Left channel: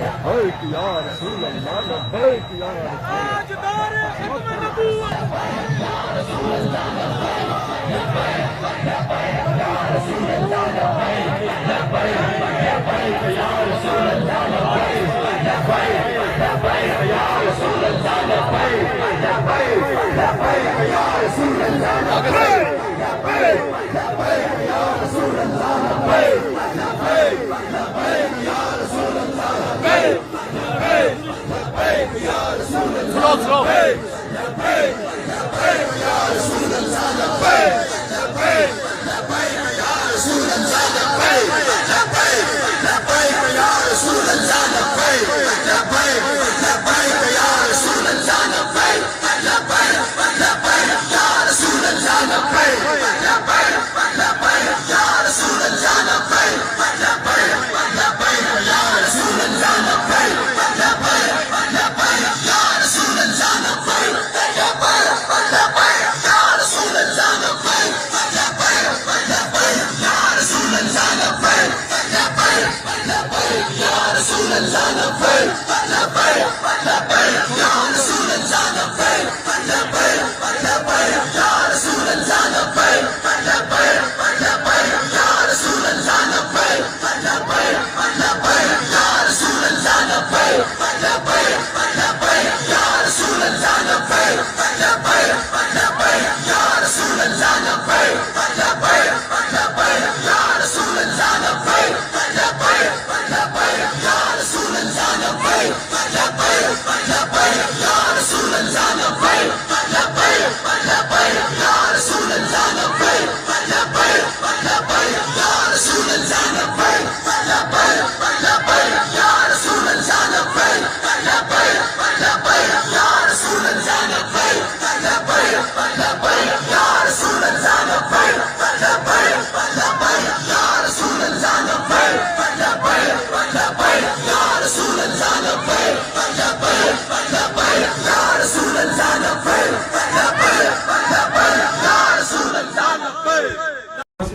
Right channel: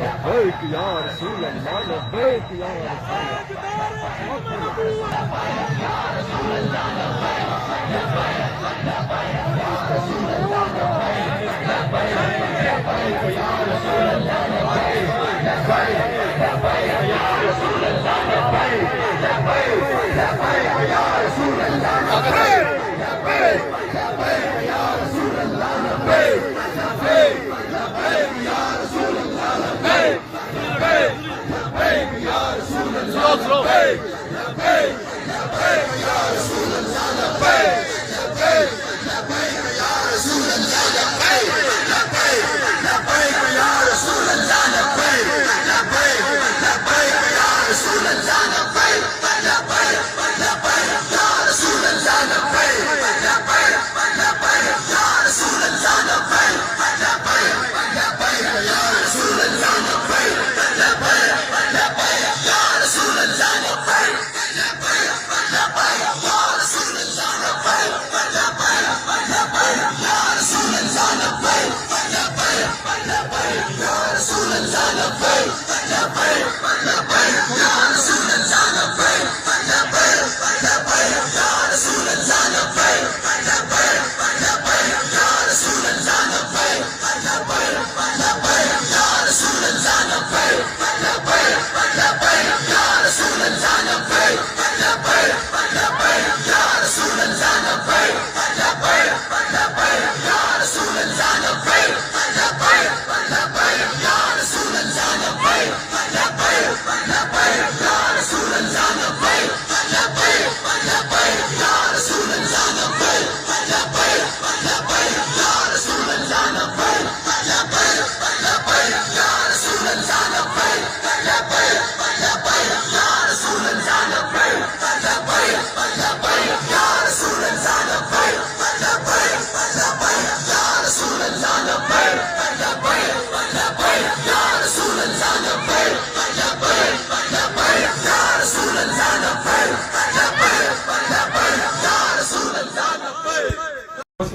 لبيك يا رسول الله لبيك يا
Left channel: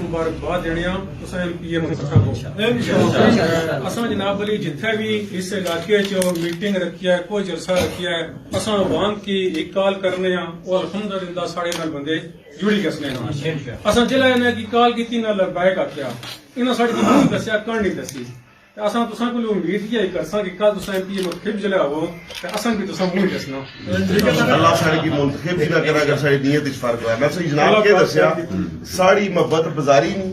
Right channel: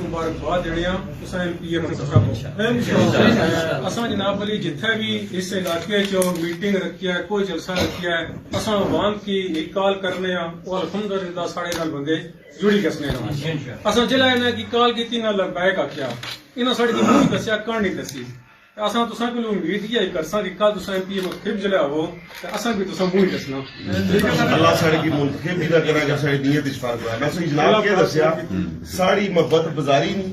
مبارکباد دینے پی ایم صاحب اساں جناب علی جتھے بھی اس علاقے میٹنگ رکھی ہے کوئی جلسہ رکھیا ہے اساں عوام کی ایک کال کرنے ہاں اور الحمدللہ ساڑے نال بندے جڑی گسنے ہاں اساں جلے انہاں کی کال کیتی نہ لبیک آکھیا انہاں ساڑے کی دسیا کہانی دسی اساں تساں کو امید ہی کرساں کہ کل تساں پی ایم خب جلے ہو تے اساں بھی تساں منہ دسنا اللہ ساڑے کی منتخب بھی نہ کرا کر ساڑے نیت اس فرق ہے میں سے جناب کے دسیا ساڑی محبت بازاری نہیں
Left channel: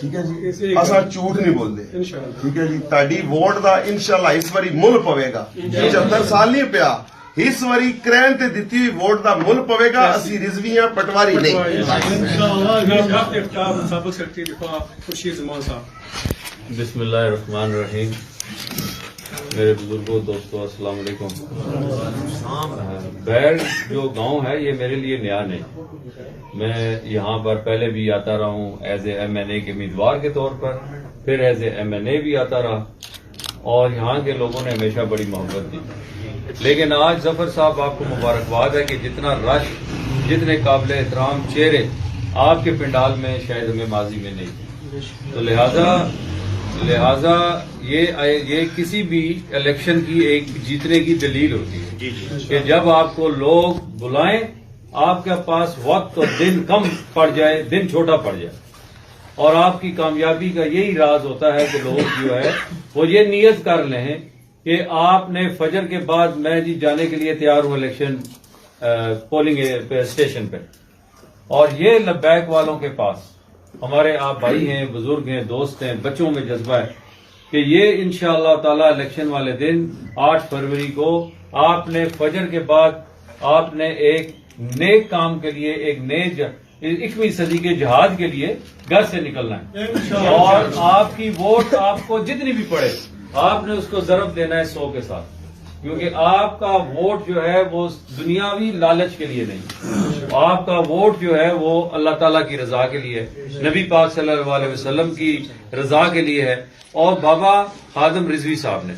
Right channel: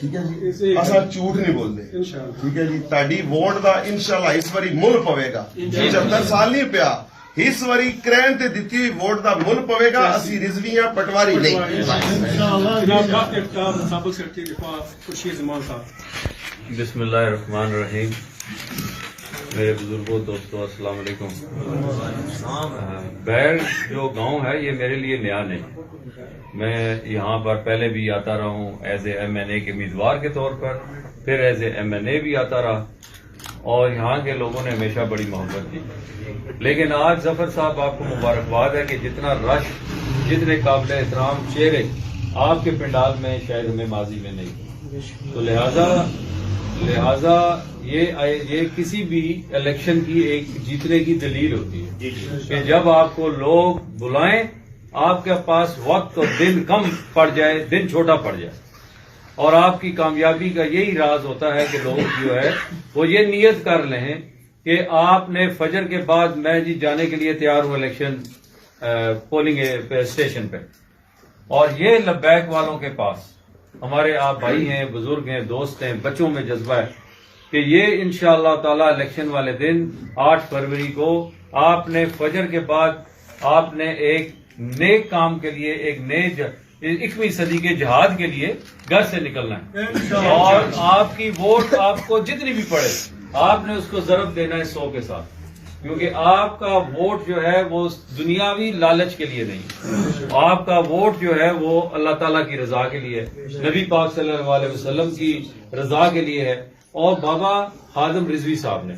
ٹھیک ہے جی اساں جھوٹ نہیں بول دے ٹھیک ہے جی تاڈی ووٹ دا انشاءاللہ اس واری مل پوے گا 75 سال نہیں پیا اس واری کرین تے دتی ہوئی ووٹ دا مل پوے گا اسی رضویاں پٹواری نہیں سابق سیکرٹری دفاع خورشید زمان صاحب بسم اللہ الرحمن الرحیم میرے بزرگوں دوستوں السلام علیکم بیر جو گاؤں ہے یہ میرے لیے نیا نہیں میں یہاں پر پہلے بھی آتا رہا ہوں ایز اے ایم این اے کے امیدوار کے طور پر پھر ایز اے ایم این اے بھی آتا رہا اور یہاں کے لوگوں نے ہمیشہ بڑی محبت دی لیکن آج ظفر صاحب آپ کو مبارکباد ہے کہ جتنا رش جتنے قابل احترام چہرے آپ کے پنڈال میں شاید ہمیں ماضی میں نہیں تو لہذا یہ کسی بھی الیکشن کی ایک جیتنے کی دلیل ہوتی ہے کہ جب آپ کو لوگ بلائیں آپ کے پاس وقت اور دن کم پڑ جائے دن چھوٹا پڑ جائے اور آپ کی کامیابی کا یہی راز ہوتا ہے کہ لوگ جو ہے وہ یہ نیت کر لیں کہ آپ نے فجر کے بعد میں جی جانے کے لیے تیار ہوں الیکشن پولنگ اسٹیشن پہ اور یہ لبیک والوں کے پاس ہمارے آپ بھائی ہیں بزرگ ہیں دوست ہیں بچوں میں جذبہ ہے کہ یہ انشاءاللہ تعالی الیکشن والے دن 8 فروری کو آپ نے فجر کے بعد آپ نے ایک نیک کام کے لیے ایک نئے 21ویں صدی کے جہاد کے لیے گھر سے نکلنا ہے اور آپ کی ووٹ آپ کو جتنی بھی پڑے آپ نے اس کو ضرب دینا ہے 100 کے ساتھ کیونکہ آپ کا ووٹ جو ہے وہ دنیاوی لالچ کے لیے نہیں آپ کا ووٹ جو ہے وہ اللہ تعالیٰ کی رضا کے لیے ہے نبی پاک صلی اللہ علیہ وسلم کی رضا کے لیے ہے اور بابا خادم رضوی صاحب نے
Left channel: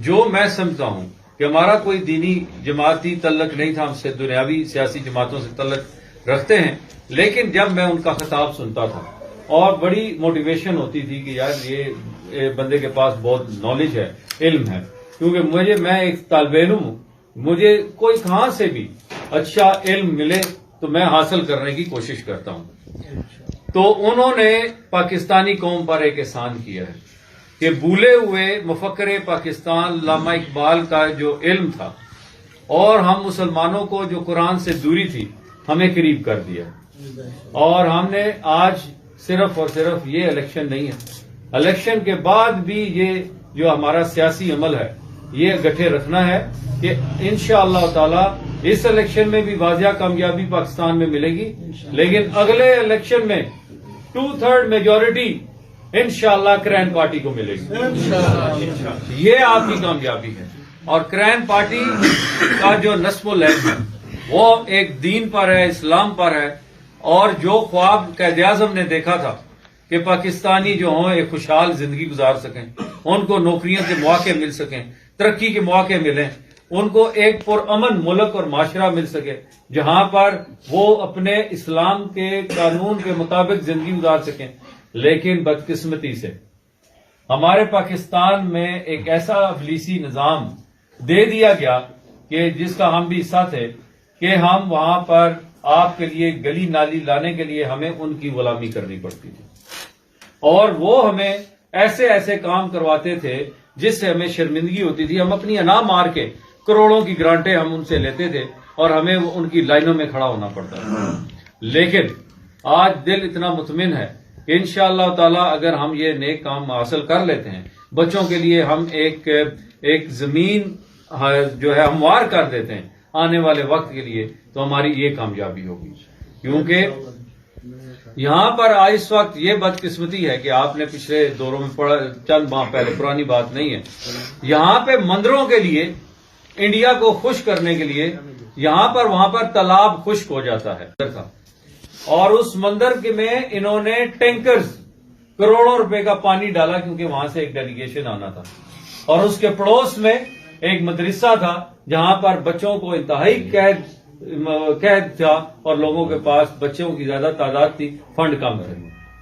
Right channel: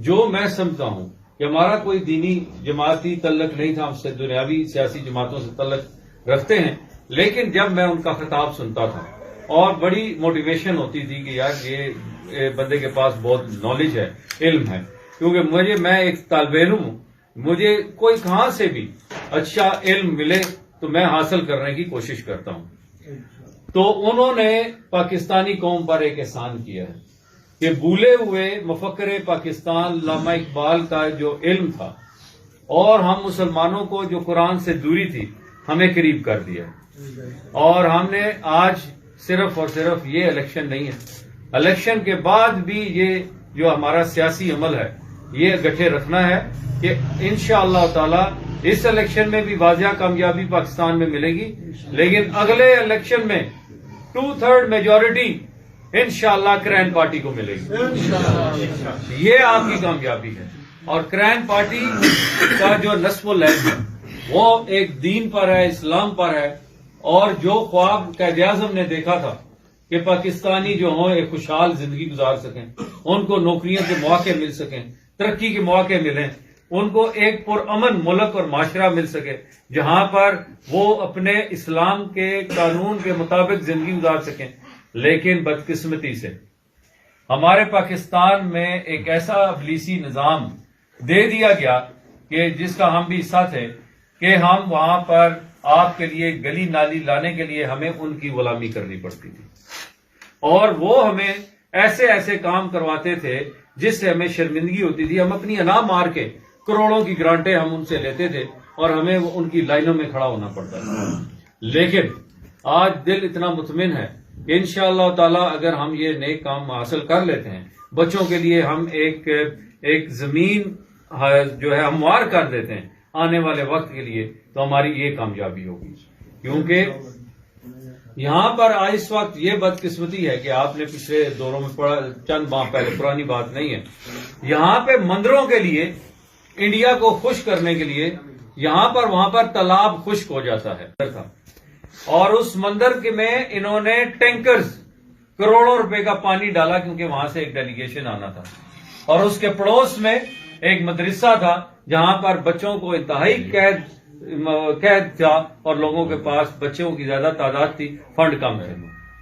جو میں سمجھتا ہوں کہ ہمارا کوئی دینی جماعتی تعلق نہیں تھا ہم سے دنیاوی سیاسی جماعتوں سے تعلق رکھتے ہیں لیکن جب میں ان کا خطاب سنتا تھا اور بڑی موٹیویشن ہوتی تھی کہ یار یہ بندے کے پاس بہت نالج ہے، علم ہے، کیونکہ میں ایک طالب علم ہوں، مجھے کوئی کہاں سے بھی اچھا علم ملے تو میں حاصل کرنے کی کوشش کرتا ہوں۔ تو انہوں نے پاکستانی قوم پر ایک احسان کیا ہے کہ بھولے ہوئے مفکر پاکستان علامہ اقبال کا جو علم تھا اور ہم مسلمانوں کو جو قرآن سے دوری تھی ہمیں قریب کر دیا، اور ہم نے آج صرف اور صرف یہ الیکشن نہیں ہے، الیکشن کے بعد بھی یہ جو ہمارا سیاسی عمل ہے یہ گٹھے رکھنا ہے کہ انشاءاللہ تعالی اس الیکشن میں بھی واضح کامیابی پاکستان میں ملے گی، لیکن اگلے الیکشن میں 2/3 میجورٹی انشاءاللہ کرین پارٹی کو ملے گی۔ یہ آپ کی کامیابی ہے، اور کرین پارٹی کا جو نصب و لحظ ہے وہ ایک دین پر ہے، اسلام پر ہے، اور جو خواب قائد اعظم نے دیکھا تھا کہ پاکستانی جو ہوں ایک خوشحال زندگی گزار سکیں، ان کو نوکریوں کے مواقع مل سکیں، ترقی کے مواقع ملیں، ان کو ایک پرامن ملک اور معاشرہ مل سکے جہاں پر وہ اپنے اسلام کے قانون کے مطابق زندگی گزار سکیں۔ لیکن بدقسمتی سے ہمارے پاکستان میں ایک ایسا ابلیسی نظام دے دیا گیا کہ جس کا ہم بھی حصہ تھے کہ ہم وہاں پر آپ کے لیے گلی نالی لانے کے لیے ہمیں ان کی غلامی کرنی پڑتی تھی، اور وہ ہمیں ایسے ایسے کام کرواتے تھے جس سے ہمیں شرمندگی ہوتی تھی، ہم اپنی انا مار کے کروڑوں کی گرانٹیں ہم ان سے لیتے تھے اور ہمیں ان کی لائنوں میں کھڑا ہونا پڑتا تھا۔ لیکن آج دل اتنا مطمئن ہے کہ انشاءاللہ تعالی اگر ہم یہ نیک کام حاصل کر لیتے ہیں، بچوں کے لیے ہم ایک زمین جو ہے ہموار کر دیتے ہیں آنے والے وقت کے لیے، تو ہماری یہ کامیابی ہوگی۔ کیونکہ یہاں پر آج اس وقت یہ بدقسمتی ہے کہ آپ نے پچھلے دوروں میں پڑھا، چند ماہ پہلے، پرانی بات نہیں ہے، یہاں پہ مندروں کے لیے، انڈیا کو خوش کرنے کے لیے یہاں پر وہاں پر تالاب خشک ہو جاتا ہے، اور اس مندر کے میں انہوں نے ٹینکرز کروڑوں روپے کا پانی ڈالا کیونکہ وہاں سے ایک ڈیلیگیشن آنا تھا، اور اس کے پڑوس میں ایک مدرسہ تھا جہاں پر بچوں کو انتہائی قید تھا، اور لوگوں کے پاس بچوں کی زیادہ تعداد تھی، فنڈ کم تھے،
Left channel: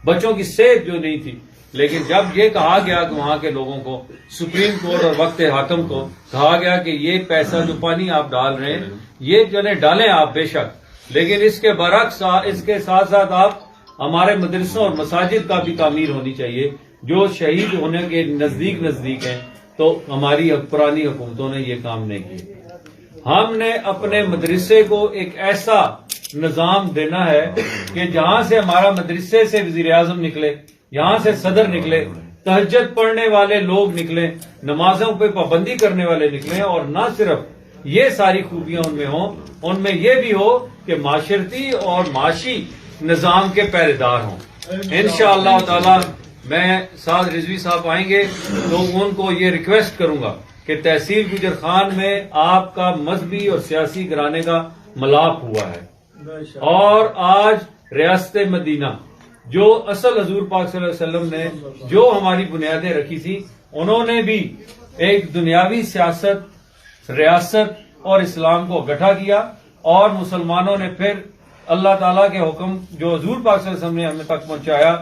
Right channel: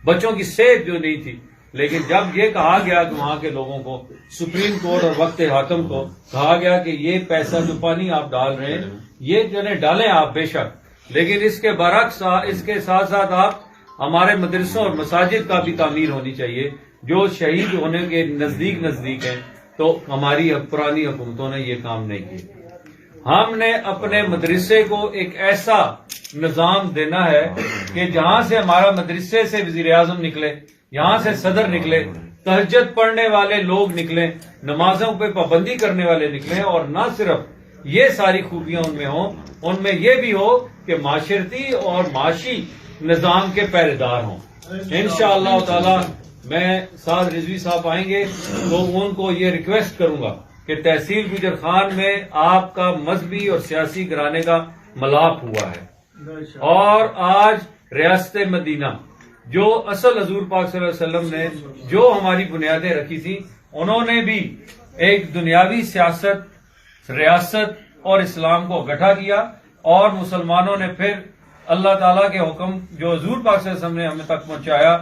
بچوں کی صحت جو نہیں تھی۔ لیکن جب یہ کہا گیا کہ وہاں کے لوگوں کو، سپریم کورٹ اور وقت حاکم کو کہا گیا کہ یہ پیسہ جو پانی آپ ڈال رہے ہیں یہ جو ہے ڈالیں آپ بے شک، لیکن اس کے برعکس اس کے ساتھ ساتھ آپ ہمارے مدرسوں اور مساجد کا بھی تعمیر ہونی چاہیے جو شہید ہونے کے نزدیک ہیں، تو ہماری پرانی حکومتوں نے یہ کام نہیں کیے۔ ہم نے اپنے مدرسے کو ایک ایسا نظام دینا ہے کہ جہاں سے ہمارا مدرسے سے وزیر اعظم نکلے، یہاں سے صدر نکلے، تہجد پڑھنے والے لوگ نکلیں، نمازوں پہ پابندی کرنے والے نکلیں، اور نہ صرف یہ ساری خوبیاں ان میں ہوں، ان میں یہ بھی ہو کہ معاشرتی اور معاشی نظام کے پہرے دار ہوں۔ انشاءاللہ تعالی میں سعد رضوی صاحب آئیں گے تو ان کو یہ ریکویسٹ کروں گا کہ تحصیل گجر خان میں آپ کا مذہبی اور سیاسی گھرانے کا ملاپ ہوا ہے، اور آج ریاست مدینہ جو اصل حضور پاک صلی اللہ علیہ وسلم نے جو ہماری بنیادیں رکھی تھی، انہوں نے بھی ایک دنیاوی سیاست، ریاست اور اسلام کو اکٹھا کیا، اور مسلمانوں نے پھر اللہ تعالیٰ کے حکم جو حضور پاک صلی اللہ علیہ وسلم نے ہمیں تک پہنچایا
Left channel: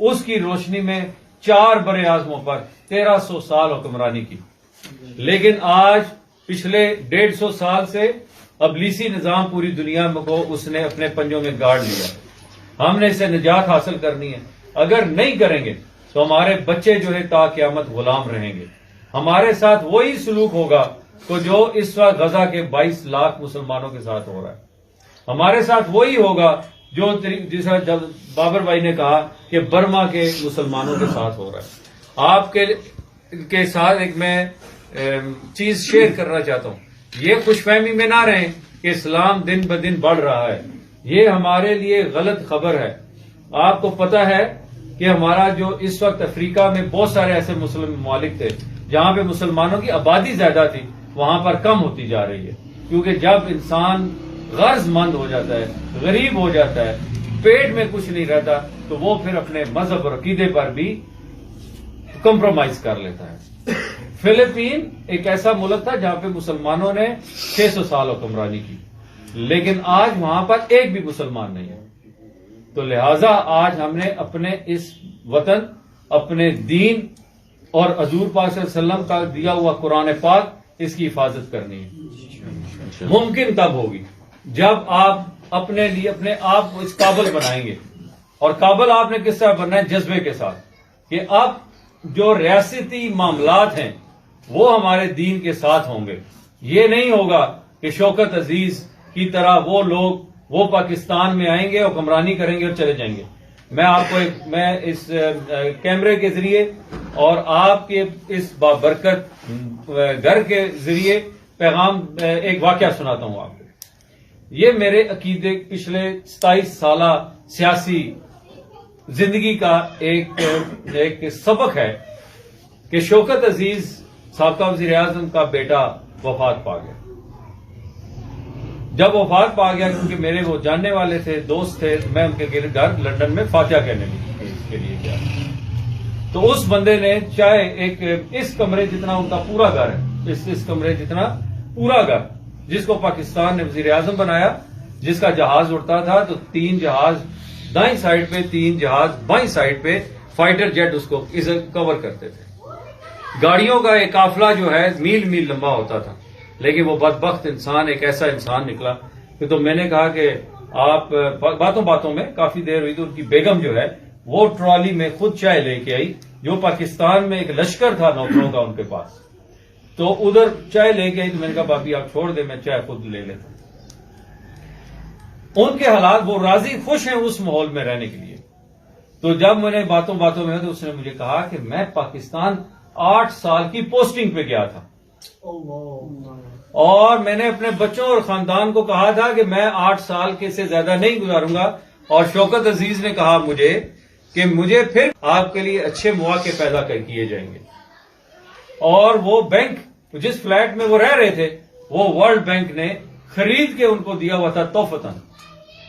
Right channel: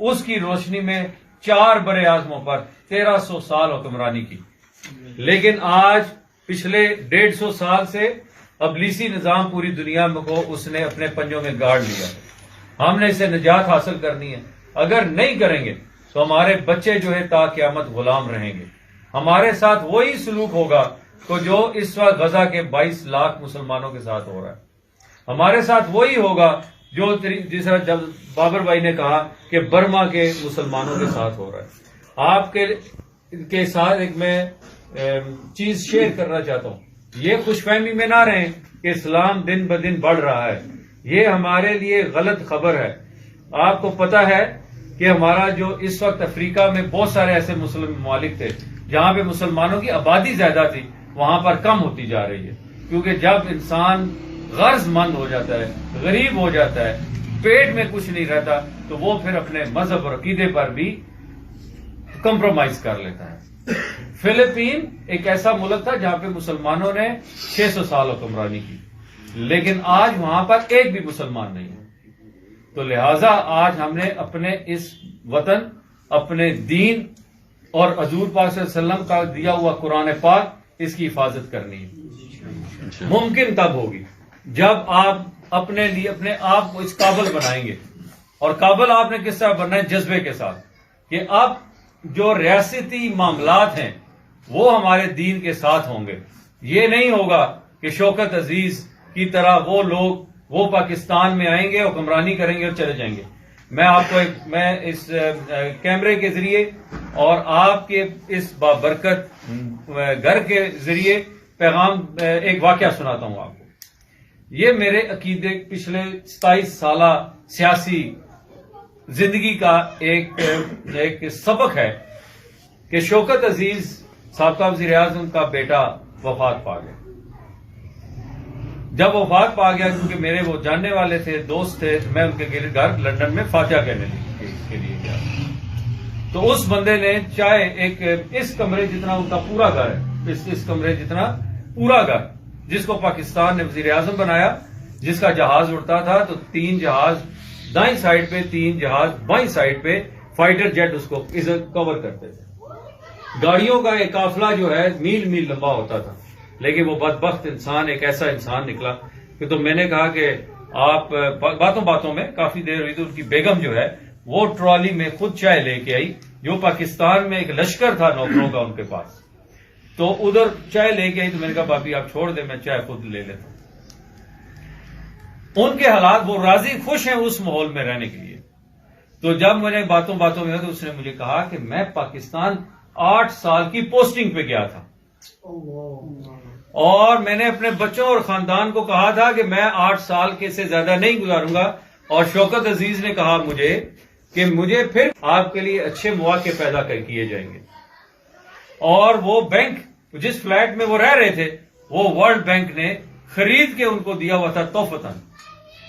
اس کی روشنی میں 4 بر اعظموں پر 1300 سال حکمرانی کی۔ لیکن آج پچھلے 150 سال سے ابلیسی نظام پوری دنیا میں کو اس نے اپنے پنجوں میں گاڑ لیا۔ ہم نے اسے نجات حاصل کرنی ہے، اگر نہیں کریں گے تو ہمارے بچے جو ہے تا قیامت غلام رہیں گے۔ ہمارے ساتھ وہی سلوک ہوگا کہ جو اس وقت غزہ کے 22 لاکھ مسلمانوں کے ساتھ ہو رہا ہے، ہمارے ساتھ وہی ہوگا جو جس طرح بابر بھائی نے کہا کہ برما کے مسلمانوں کے ساتھ ہو رہا ہے۔ آپ کے ساتھ ایک میں چیز شیئر کرنا چاہتا ہوں، یہ خوش فہمی میں نہ رہیں کہ اسلام دن بدن بڑھ رہا ہے، یہ ہمارے لیے غلط خبر ہے۔ آپ کو پتا ہے کہ ہمارا جو اس وقت افریقہ میں بہت سارے ایسے مسلم ممالک تھے جہاں پہ مسلمانوں کی آبادی زیادہ تھی، وہاں پر کم ہوتی جا رہی ہے، کیونکہ جب انسان غرض مند ہو جاتا ہے، غریب ہو جاتا ہے، پیٹ میں کچھ نہیں رہتا، تو وہ پھر اپنے مذہب اور عقیدے پر بھی کمپرومائز کر لیتا ہے۔ فلپین ایک ایسا ملک تھا جہاں پہ مسلمانوں نے 600 سال حکمرانی کی، لیکن آج وہاں پر ایک بھی مسلمان نہیں ہے۔ تو لہٰذا آج ہم نے اپنے اس وطن، اپنے دین اور حضور پاک صلی اللہ علیہ وسلم کا دیا ہوا قرآن پاک، اس کی حفاظت کرنی ہے۔ ممکن تب ہوگی جب آپ اپنے لیے اپنے آپ کو اس قابل بنائیں گے، اور قابل آپ نے کس طرح بننا ہے؟ جذبے کے ساتھ، کہ اب جو ریاستی معاملات ہیں وہ ہمارے دین کے ساتھ ہوں گے۔ یہ نہیں ہوگا کہ شوکت عزیز کی طرح وہ لوگ وہ پاکستان میں آئیں گے، حکمرانی کریں گے اور چلے جائیں گے۔ میں آپ کو میں اس کیمرے کے ذریعے اور آپ کے اس بابرکت گھر کے ذریعے پیغام ایک واقعہ سناتا ہوں آپ کو۔ یہ میرے عقیدے پچھلے 27 سالہ سیاسی زندگی کا ایک سبق ہے کہ شوکت عزیز سابقہ وزیر اعظم کا بیٹا وفات پا گیا۔ جب وفات پا گیا، کیونکہ میرے وہ جاننے والے تھے، دوست تھے، تو میں ان کے گھر لندن میں فاتحہ کہنے کے لیے گیا۔ تو اس بندے نے چاہے ایک اس کمرے جتنا ان کا پورا گھر ہے، اس کمرے جتنا پورا گھر، جس کو پاکستان نے وزیر اعظم بنایا، جس کا جہاز اڑتا تھا تو 3 جہاز دائیں سائڈ پہ، 3 جہاز بائیں سائڈ پہ، فائٹر جیٹ اس کو کور کرتے تھے۔ گاڑیوں کا ایک قافلہ جو ہے میل میل لمبا ہوتا تھا، لیکن وہ بدبخت انسان ایک ایسا انسان نکلا کہ تو میں نے کہا کہ آپ باتوں باتوں میں کافی دیر ہوئی تو ان کی بیگم جو ہے وہ ٹرالی میں خود چائے لے کے آئی، جو پاکستان میں ایک لشکر تھا نوکروں کا ان کے پاس، تو ادھر چائے لے کے آئی۔ تو میں نے کہا بھابھی آپ چھوڑ دیں، میں چائے خود لے لیتا ہوں۔ ان کے حالات، وہ راضی خوش ہیں اس ماحول میں رہنے کے لیے۔ تو جب میں نے باتوں میں تو اس نے مجھے کہا کہ میں پاکستان 8 سال کی پوسٹنگ پہ گیا تھا، اور میں نے اپنے بچوں اور خاندان کو کہا تھا کہ میں 8 سال کے سے زیادہ نہیں گزاروں گا، اور شوکت عزیز نے کہا مجھے کہ مجھے پھر آپ کے لیے اچھے مواقع پیدا کیے جائیں گے۔ اور وہ بینک جس فلیٹ میں وہ رہ رہے تھے، وہ ورلڈ بینک نے خرید کے ان کو دیا ہوا تھا تحفتاً،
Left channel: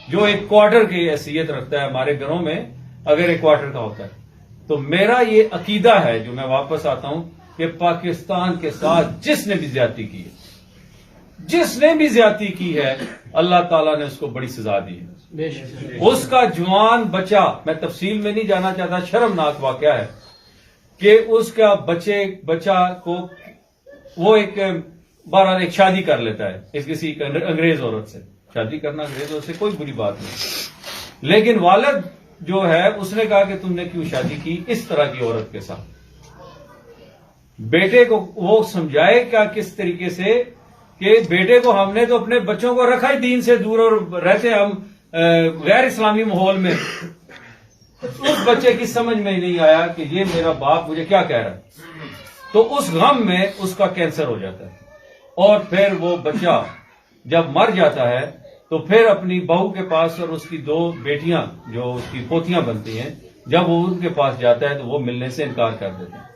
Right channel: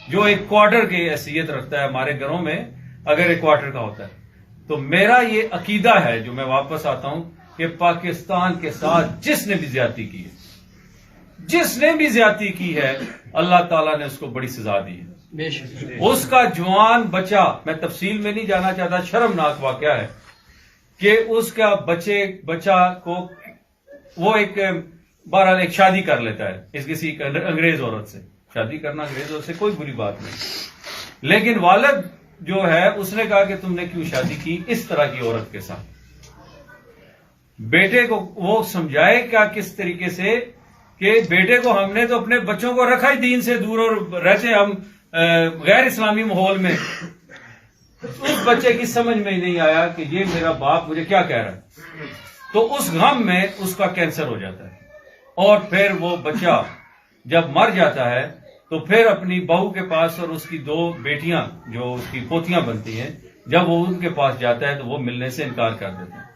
جو ایک کوارٹر کی حیثیت رکھتا ہے ہمارے گھروں میں اگر ایک کوارٹر کا ہوتا ہے۔ تو میرا یہ عقیدہ ہے، جو میں واپس آتا ہوں، کہ پاکستان کے ساتھ جس نے بھی زیادتی کی ہے، جس نے بھی زیادتی کی ہے، اللہ تعالیٰ نے اس کو بڑی سزا دی ہے۔ اس کا جوان بچہ، میں تفصیل میں نہیں جانا چاہتا، شرمناک واقعہ ہے کہ اس کا بچہ کو وہ بہرحال ایک شادی کر لیتا ہے اس کسی انگریز عورت سے۔ شادی کرنا انگریز عورت سے کوئی بری بات نہیں، لیکن والد جو ہے اس نے کہا کہ تم نے کیوں شادی کی اس طرح کی عورت کے ساتھ؟ بیٹے کو وہ سمجھائے کیا کس طریقے سے کہ بیٹے کو ہم نے تو اپنے بچوں کو رکھا ہی دین سے دور، اور رہتے ہم غیر اسلامی ماحول میں۔ اس بچے کی سمجھ میں ہی نہیں آیا کہ یہ میرا باپ مجھے کیا کہہ رہا ہے، تو اس غم میں اس کا کینسر ہو جاتا ہے، اور پھر وہ بچہ جب مر جاتا ہے تو پھر اپنی بہو کے پاس، اور اس کی 2 بیٹیاں جو اس کی پوتیاں بنتی ہیں، جب وہ ان کے پاس جاتا ہے تو وہ ملنے سے انکار کر دیتے ہیں۔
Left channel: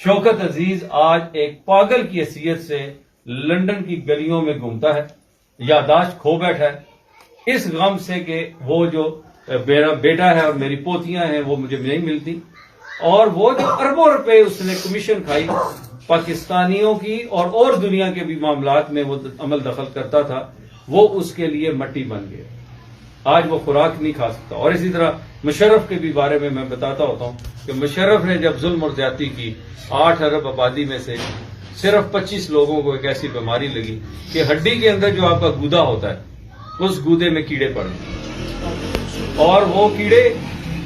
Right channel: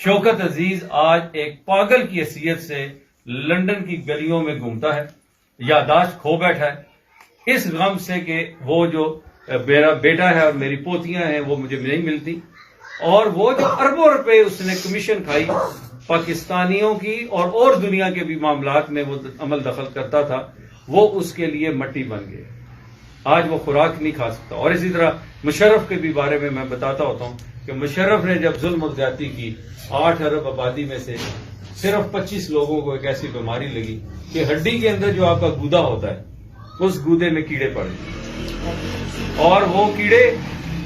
شوکت عزیز آج ایک پاگل کی حیثیت سے لندن کی گلیوں میں گھومتا ہے، یادداشت کھو بیٹھا ہے اس غم سے کہ وہ جو میرا بیٹا ہے اور میری پوتیاں ہیں وہ مجھے نہیں ملتی، اور وہ جو اربوں روپے اس نے کمیشن کھائی پاکستانیوں کی اور دنیا کے بھی معاملات میں وہ عمل دخل کرتا تھا، وہ اس کے لیے مٹی بن گئے۔ آج وہ خوراک نہیں کھا سکتا۔ اور اسی طرح مشرف کے بھی بارے میں بتاتا ہوتا ہوں کہ مشرف نے جب ظلم اور زیادتی کی، 8 ارب آبادی میں سے صرف 25 لوگوں کو ایک ایسی بیماری لگی کہ ہڈی کے اندر جو آپ کا گودا ہوتا ہے اس گودے میں کیڑے پڑے، اور وہ کیڑے،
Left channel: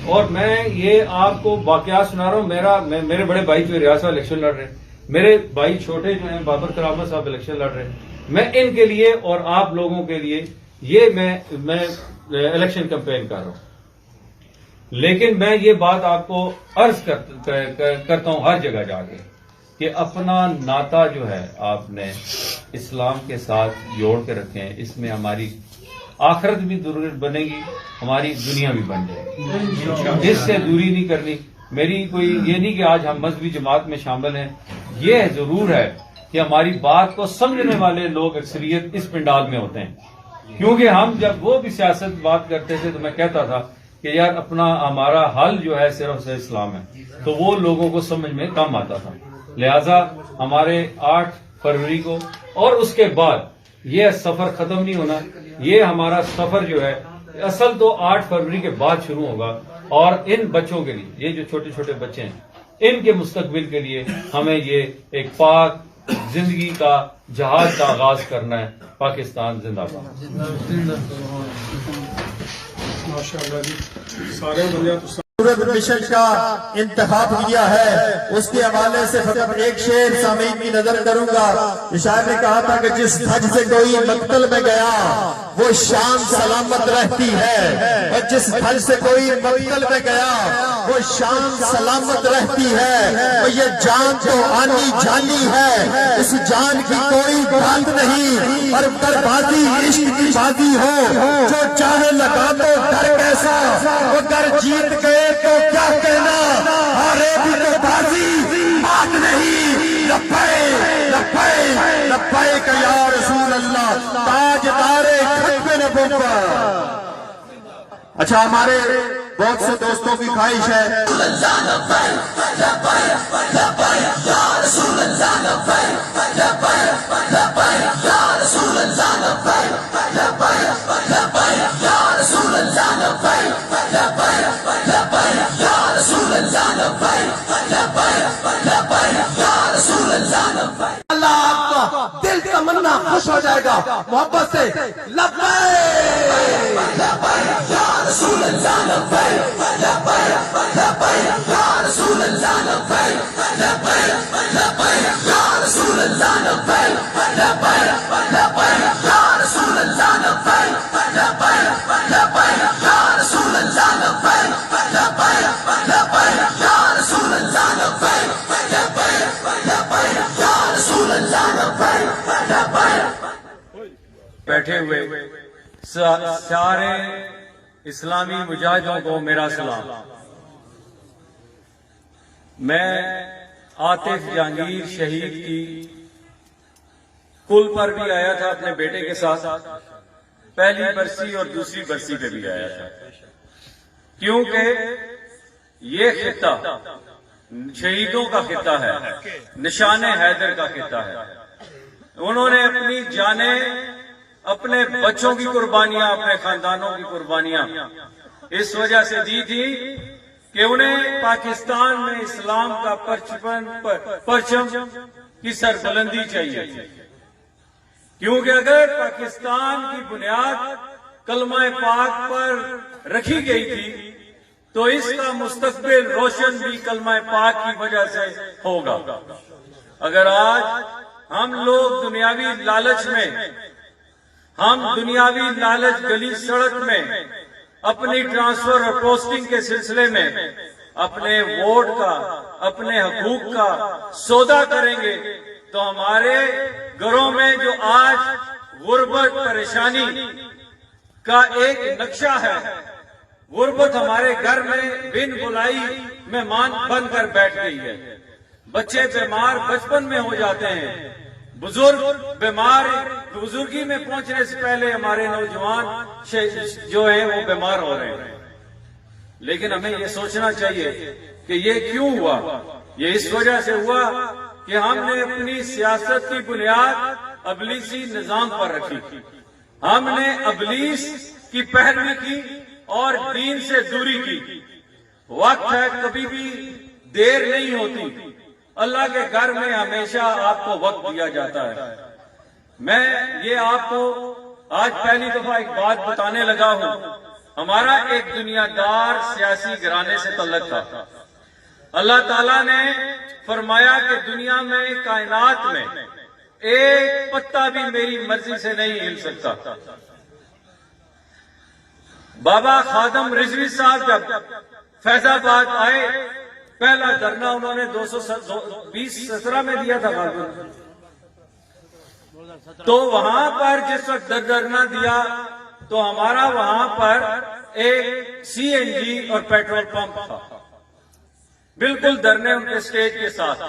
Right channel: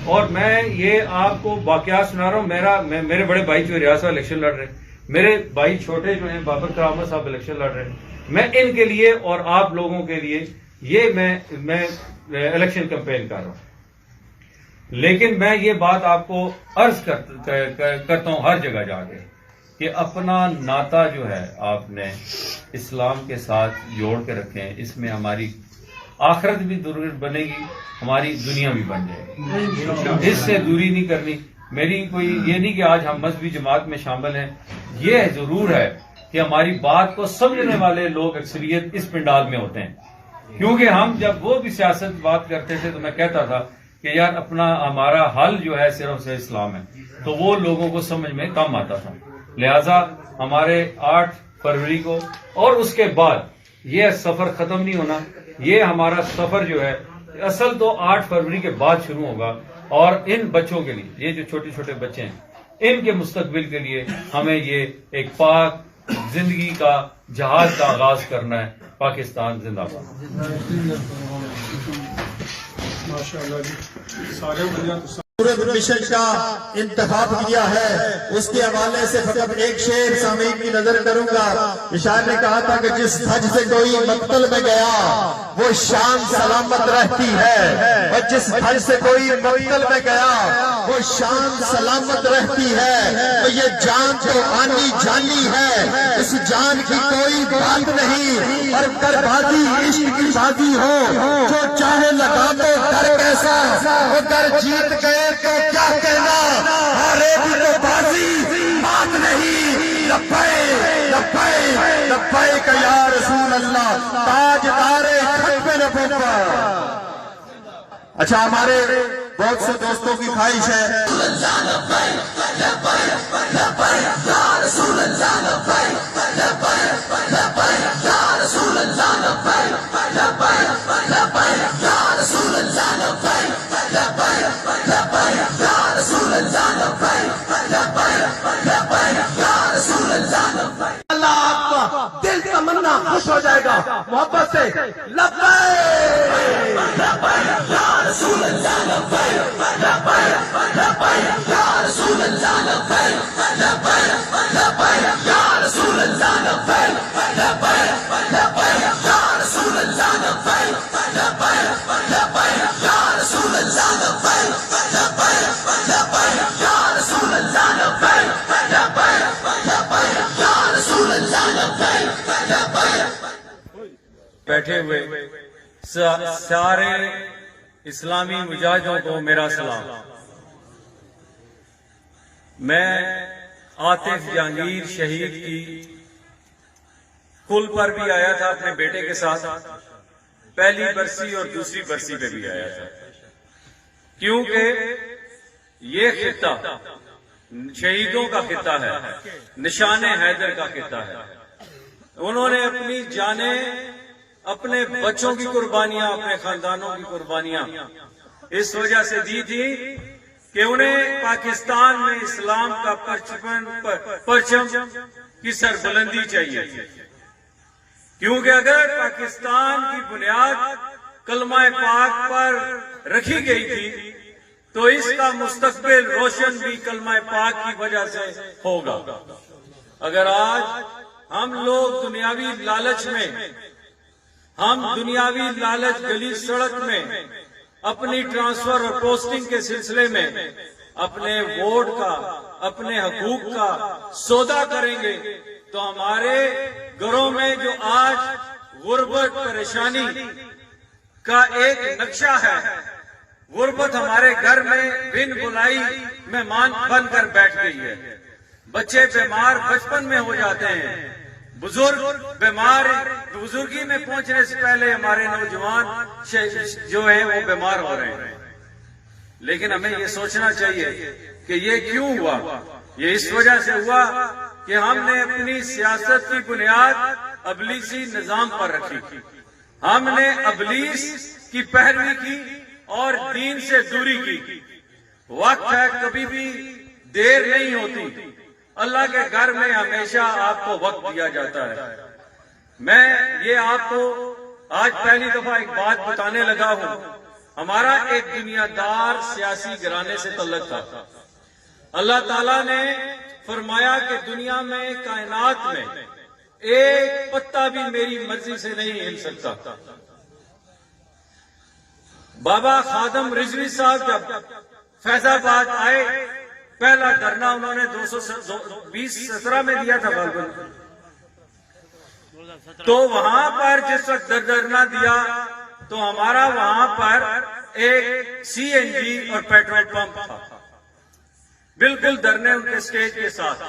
اور میں یہ آپ کو واقعات سنا رہا ہوں۔ میرے بڑے بھائی جو ریاست الیکشن لڑ رہے ہیں، میرے بھائی چھوٹے جو ہیں بابر کرامت صاحب الیکشن لڑ رہے ہیں، میں ان کے لیے اور آپ لوگوں کے لیے یہ میں الیکشن کمپین کر رہا ہوں۔ لیکن میں یہ بات آپ کو عرض کرتا ہوں ہر جگہ جا کے کہ اپنا ناتا جو ہے آپ نے اسلام کے ساتھ جوڑ کے رکھیں، اس میں ہماری آخرت بھی ضرور بنے گی، ہماری دنیا بھی بن جائے گی، اس سے دوری نہیں کرنی۔ میری کوئی یہ نہیں کہ آج ہم مذہبی جماعت میں شامل ہیں، یہ ضرور ہے کہ ہماری بات کو سمجھنے والے لوگ اکثریت اس پنڈال میں ہوتے ہیں، کیونکہ ہم جب وہ بھی سیاست بات کرتے تھے تو میں کہتا تھا کہ یار ہمارا حل جو ہے صرف سے اسلام ہے، تو وہ لوگوں کو سمجھ میں کم آتا تھا۔ لہذا ہمارے 8 فروری کو اور اس کے بعد یہ سفر ختم نہیں ہونا، یہ ہمارا سفر جو ہے اصل تو 8 فروری کے بعد شروع ہوگا، اور ان بچوں کے لیے، یہ جو چھوٹے چھوٹے بچے ہیں، ان کے مستقبل کے لیے ہمیں یہ ایک پاک زندگی کا جہاد کا آغاز کرنا ہے۔ پاکستان زندہ باد۔ ماشاءاللہ جی، سارے بندے تو سورت مشن کا انتخاب کیا ہے، اس کے حوالے سے فقط ایک شعر سامعین کی نظر کروں گا۔ شاعر نے کہا تھا کہ جس حج سے کوئی مقتل میں گیا وہ شان سلامت رہتی ہے، اور جس حج سے کوئی مقتل میں گیا وہ شان سلامت رہتی ہے۔ تو یہ جان تو آنی جانی ہے، اس جان کی کوئی بات نہیں، اور بربادی عشق کی شادی ہے، جو چاہے لگا دو ڈر کیسا، وہ ڈر جیت کے تو کیا کہنا، ہارے بھی تو بازی بات نہیں۔ لبیک لبیک لبیک یا رسول اللہ، تاجدار ختم نبوت۔ اچھا، ہمارے بہت سے دوستوں کی خواہش ہے اللہ آپ کا دل تمنا خوش ہو جائے گا، محبت سے لبیک یا رسول اللہ، لبیک یا رسول اللہ، لبیک یا رسول اللہ، لبیک یا رسول اللہ، لبیک یا رسول اللہ، لبیک یا رسول اللہ، بیٹھے ہوئے سارے اسلامی مجاہدوں کو میرا سلام۔ میں عاطف جہانگیر شہید کی پل پر بھی آیا تھا اپنے بیٹے کے ساتھ، پہلی برسی اور دوسری برسی پہ بھی آیا تھا، کیونکہ یہ خطہ شہیدوں کا خطہ ہے، نشان حیدر کا خطہ ہے۔ انہوں نے اپنی جانیں، اپنے بچوں کی قربانیاں، اپنے خاندانوں کی قربانیاں اس وجہ سے دی تھی کہ انہیں پاکستان میں اسلام کا پرچم کی سربلندی چاہیے تھی، کیونکہ اگر پاکستان کی بنیاد کلمہ پاک پر رکھی گئی تھی تو اس کا مستقبل روشن بھی کلمہ پاک کی وجہ سے ہوگا۔ اگر آج ہم لوگ دنیاوی لالچ میں، دنیاوی لالچ گلی سڑک میں، اپنی ٹرانسفر اور پوسٹنگ کے سلسلے میں اپنے ووٹ کا، اپنے حقوق کا سودا کریں گے تو ہمارے گھروں میں جو آج غربت، پریشانی کا ایک نقشہ ہے، غربت ہمارے گھر میں بن بلائی مہمان بن کر بیٹھ گئی ہے۔ بچے بیمار بچپن میں ہو جاتے ہیں، بزرگ بیمار بزرگی میں پہنچنے سے پہلے ہمارے نوجوان جو ہیں وہ بیمار ہو رہے ہیں۔ لیکن ہمیں یہ سوچنا چاہیے کہ یہ کیوں ہوا؟ یہ اس وجہ سے ہوا کہ ہم نے اپنی سیاست کی بنیاد ابلیسی نظام پر رکھی، ہم نے ابلیس کی پیروی کی اور دین سے دوری کی۔ وقت ہے، کبھی بھی دیر نہیں ہوتی، اللہ کے گھر میں ہمیشہ آپ کو وقت دیا جاتا ہے۔ میں یہ آپ کو آج پہلی دفعہ ایک بات بتانے لگا ہوں۔ ہمارا ایک دنیا دار سیاسی گھرانے سے تعلق تھا۔ اللہ تعالیٰ نے فرمایا کہ دنیا میں، کائنات میں ایک پتا بھی میری مرضی سے نہیں ہل سکتا۔ بابا خادم رضوی صاحب جب فیض آباد آئے، پہلا دھرنا انہوں نے 2017 میں دیا تھا غالباً، تو وہاں پر جس وقت دھرنا دیا تو ہمارا وہاں پر ایک CNG اور پیٹرول پمپ تھا، بالکل دھرنے ان کے سٹیج کے ساتھ۔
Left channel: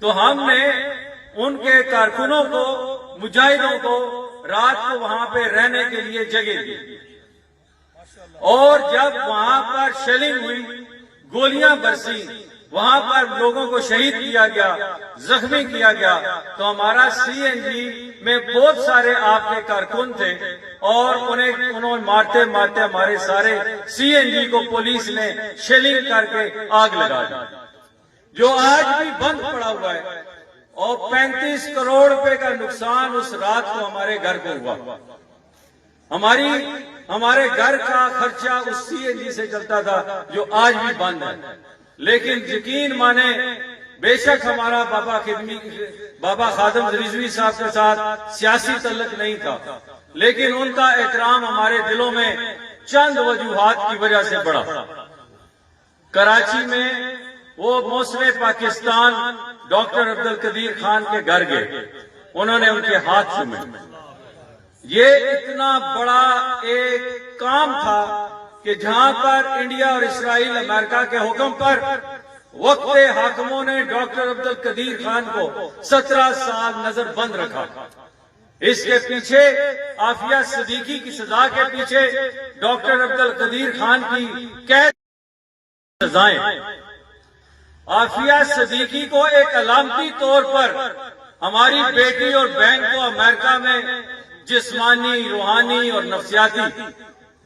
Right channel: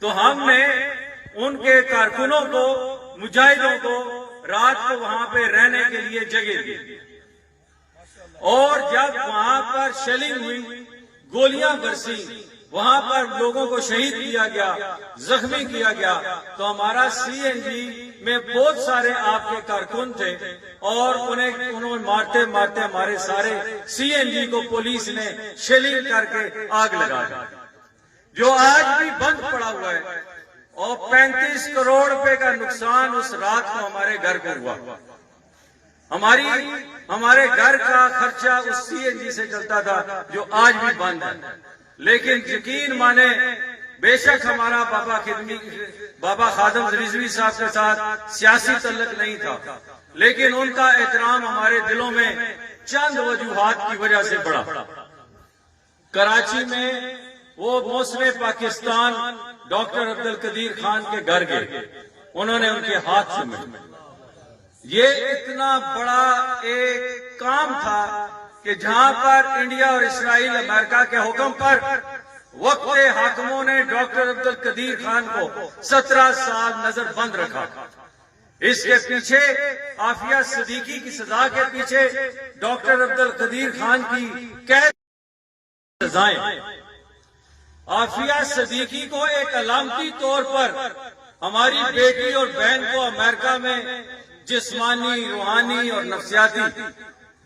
تو ہم نے ان کے کارکنوں کو، مجاہدوں کو رات کو وہاں پہ رہنے کے لیے جگہ دی، اور جب وہاں پر شیلنگ ہوئی، گولیاں برسی، وہاں پر لوگوں کو شہید کیا گیا، زخمی کیا گیا، تو ہمارا CNG میں بہت سارے آپ کے کارکن تھے اور انہوں مارتے مارتے ہمارے سارے CNG کو پولیس نے شیلنگ کر کے آگ لگا دی، جو آج بھی بند پڑا ہوا ہے، اور 35 کروڑ روپے کا نقصان اس رات کو ہمارے گھر کو ہوا۔ ہمارے گھر کا خرچہ اس CNG سے چلتا تھا جو آج بھی بند ہے۔ لیکن یقین مانے، بے شک ہمارا بابا خادم رضوی صاحب کے ساتھ سیاسی تعلق نہیں تھا، لیکن ان کا احترام ہمارے دلوں میں چند وجوہات کی وجہ سے بڑھا۔ کراچی میں وہ موسم پاکستان ڈاکٹر عبدالقدیر خان کے گھر گئے، انہوں نے ان کے ہاتھ چومے۔ یہ اتنا بڑا ایک کام تھا کہ جہاں پر انڈیا اور اسرائیل امریکہ کے حکم پر وقت حاکموں نے ڈاکٹر عبدالقدیر خان کو 17 سال نظر بند رکھا۔ اس کے پیچھے عافیہ صدیقی کی سزا کے پیچھے ڈاکٹر عبدالقدیر خان کی قید سزائیں۔ عافیہ صدیقی کو ایک علامتی طور پر ہماری بیٹی اور بہن کو امریکہ میں جسمانی، روحانی اور نفسیاتی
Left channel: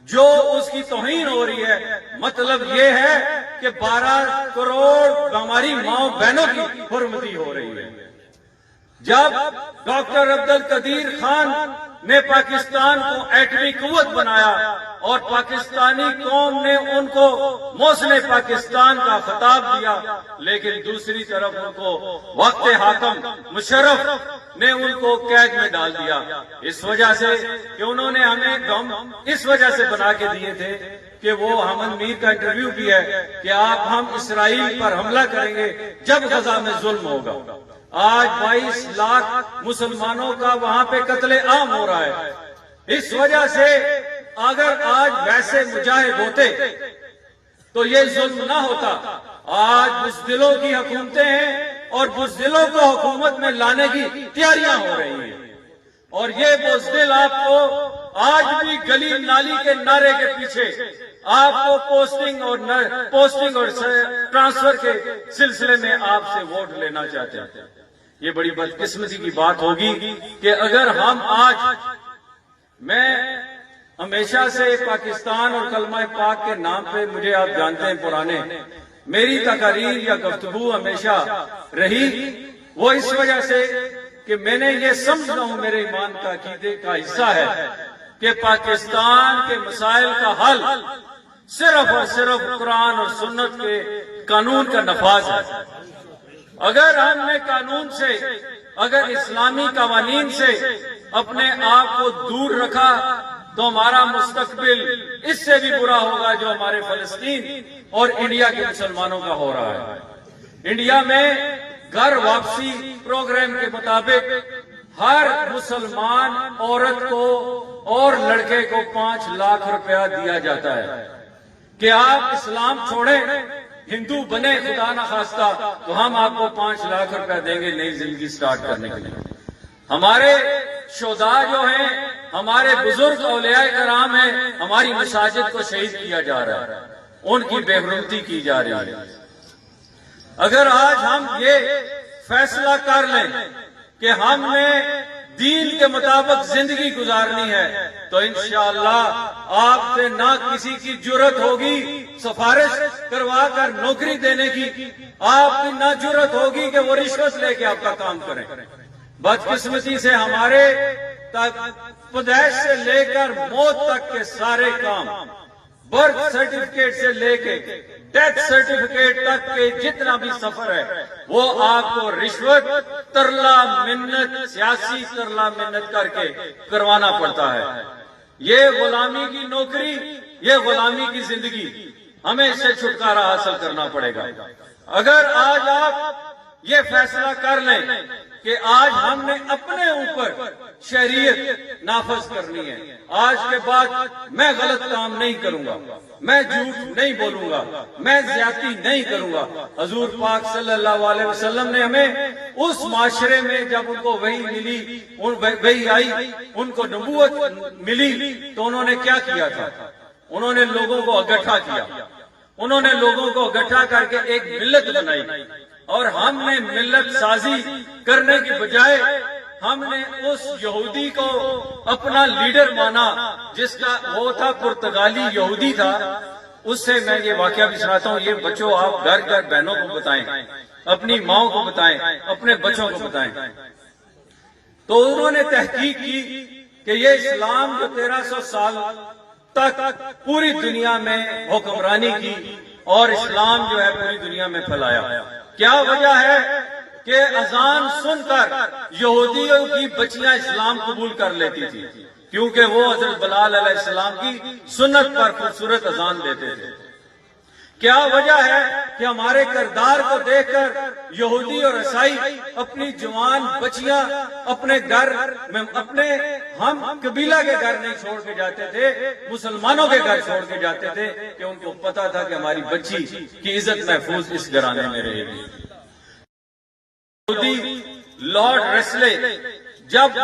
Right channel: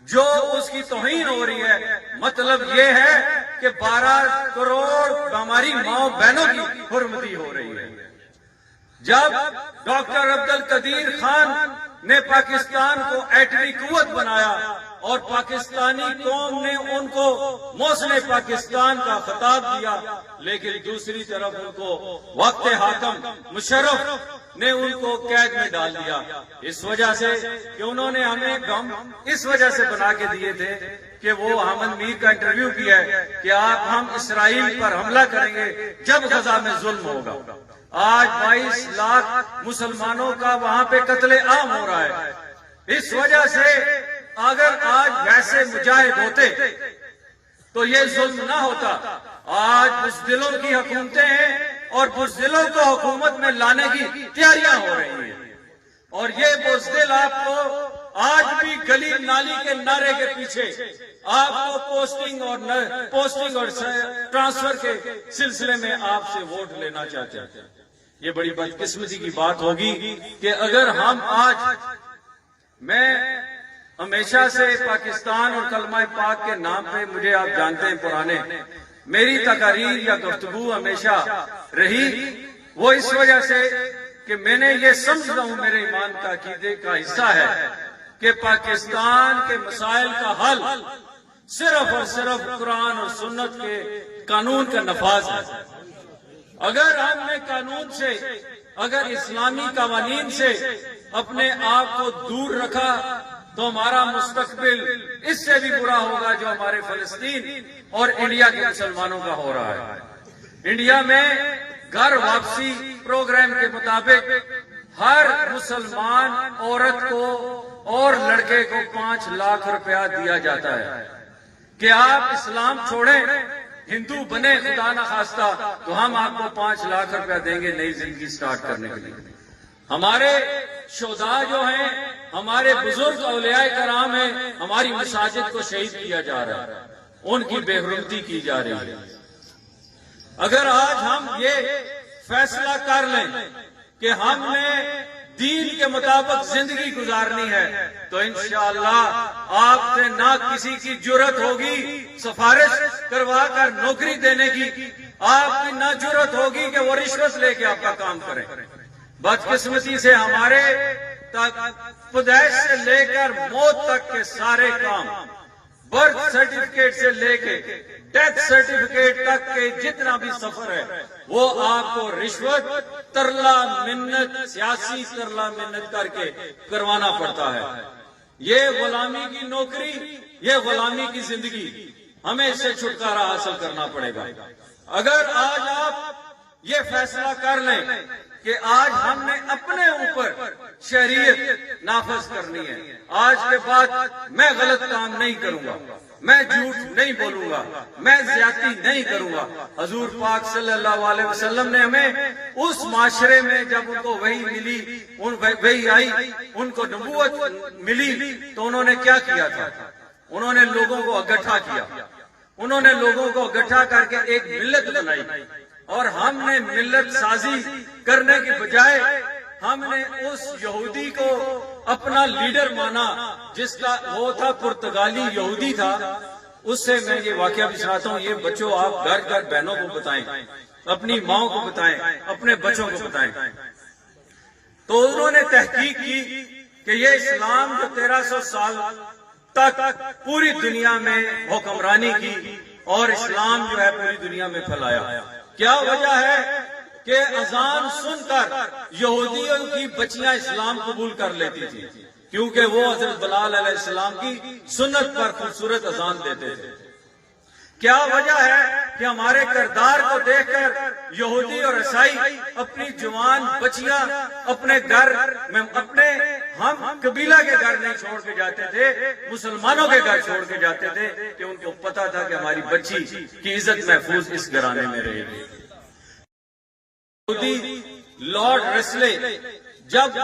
جو اس کی توہین ہو رہی ہے، مطلب یہ ہے کہ 12 کروڑ ہماری ماؤں بہنوں کی حرمتی ہو رہی ہے۔ جب ڈاکٹر عبدالقدیر خان نے پاکستان کو ایٹمی قوت بنایا اور پاکستانی قوم نے ان کو موسم پاکستان کا خطاب دیا، لیکن دوسری طرف ان کو وقت حاکم مشرف نے ان کو قید میں ڈال دیا، اس وجہ سے کہ انہوں نے ہمیں بم اس وجہ سے بنا کے دیے تھے کہ وہ حمد میر کا انٹرویو بھی ہے کہ ہم اسرائیل پر حملہ کریں گے جب غزہ میں ظلم ہوگا۔ آج 22 لاکھ مسلمانوں کا وہاں پہ قتل عام ہو رہا ہے۔ اس وجہ سے اگر آج ویسے مجاہد ہوتے تو یہ ظلم نہ ہوتا۔ آج بزدلوں کی حکومتیں ہیں اور بزدلوں کو حکومت میں لانے کی تیاریاں ہو رہی ہیں، اور یہ بزدل آپ کو آج بھی گلی نالی کے نعرے کے پیچھے آپ کو پوسٹنگ اور ٹرانسفر کے سلسلے میں آپ سے ووٹ لینا چاہتے ہیں۔ یہ بڑی بدقسمتی کی بات ہوگی کہ اگر ہم آج، میں ہمیشہ سے پاکستان اور کلمہ پاک کے نام پہ، مجھے آپ جانتے ہیں پرانے، میری تقاریر یا گفتگو ہمیشہ رہی وہ اس وجہ سے کہ میں نے یہ سمجھتا ہوں، میرے ایمان کا عقیدے کا حصہ ہے کہ پاکستان کے مسائل کا حل صرف اور صرف قرآن اور سنت کے قانون کا نفاذ ہے۔ اگر ہم نے قانون سے، اگر اسلامی قوانین سے اپنے آپ کو دور رکھا تو ہمارا مستقبل اس سے بھی برا ہوگا جو ہمارے فلسطین اور انڈیا کے مسلمانوں کا ہو رہا ہے۔ انڈیا میں گھر واپسی پروگرام کے مطابق ہر مسلمان عورت کو اور لڑکے کو 5 لاکھ روپیہ دیا جاتا ہے کہ آپ اسلام چھوڑیں، ہندو بنے خدا نخواستہ تو ہم آپ کو 5 لاکھ روپیہ دیں گے نئی زندگی سٹارٹ کرنے کے لیے۔ ہمارے شہداء جو ہیں، ہمارے بزرگ اولیاء کرام ہیں، ہماری مساجد کو شہید کیا جا رہا ہے، ان کی بے حرمتی کی جا رہی ہے۔ اگر آج ہم یہ فیصلہ کر لیں کہ ہم نے دین کے مطابق زندگی گزارنی ہے تو انشاءاللہ آپ سے نہ کسی کی جرت ہوگی سفارش کروا کر نوکری دینے کی، آپ کی نہ جرت ہوگی کہ وہ رشوت لے کے آپ کا کام کریں۔ بدقسمتی سے ہمارے پیدائش سے لے کر موت تک کے سارے کام، برتھ سرٹیفکیٹ سے لے کے ڈیتھ سرٹیفکیٹ تک کے جتنا بھی سفر ہے وہ آپ کو رشوت، ترلا منت، سیاسی ترلا منت کر کے کروانا پڑتا ہے۔ یہ غلامی کی نوکری، یہ غلامی کی زندگی، ہمیں اس سے چھٹکارا حاصل کرنا پڑے گا۔ اگر آج آپ یہ فیصلہ کر لیں کہ آج ہم نے اپنے اوپر شریعت نافذ کرنی ہے، آج کے بعد میں غلط کام نہیں کروں گا، میں جھوٹ نہیں بولوں گا، میں زیادتی نہیں کروں گا۔ حضور پاک صلی اللہ علیہ وسلم نے ہمیں اس معاشرے میں جب ان کو وحی ملی، وحی آئی، ان کو نبوت ملی تو انہوں نے کیا کیا تھا؟ انہوں نے لوگوں کو اکٹھا کیا، انہوں نے لوگوں کو اکٹھا کر کے ایک ملت بنائی، اور ہم نے ملت سازی کرنے کی بجائے ہم نے اس یہودی کو اپنا لیڈر مانا جس کا وہ تھا پرتگالی یہودی تھا. اس سے میں یہ واقعہ بھی سناتا ہوں. یہ بچوں آپ گھر گھر بہنوں کو بتائیں, اپنی ماؤں کو بتائیں, اپنے بچوں کو بتائیں. تو انہوں نے تحقیق کی کہ یہ اسلام جو 1300 سال تک پوری دنیا میں حکمرانی کی اور اسلام جو ہے پوری دنیا میں پھیلایا, کیا وجہ ہے کہ اذان سن کر یہودیوں کی بچیاں اسلام قبول کر لیتی تھی, کیونکہ وہ حضرت بلال علیہ السلام کی سنت پر خوبصورت اذان دیتے تھے. کیا وجہ ہے کہ ہمارے کردار کو دیکھ کر یہودی اور عیسائی اپنی جوان بچیاں اپنے گھر میں, اپنے ہم قبیلہ کے گھر نہیں چھوڑ کے جاتے تھے, مسلمانوں کے گھر چھوڑ کے جاتے تھے, کہ ان کو پتا تھا کہ ہماری بچی کی عزت محفوظ اس گھرانے میں رہے گی. لارڈ ریسلے جب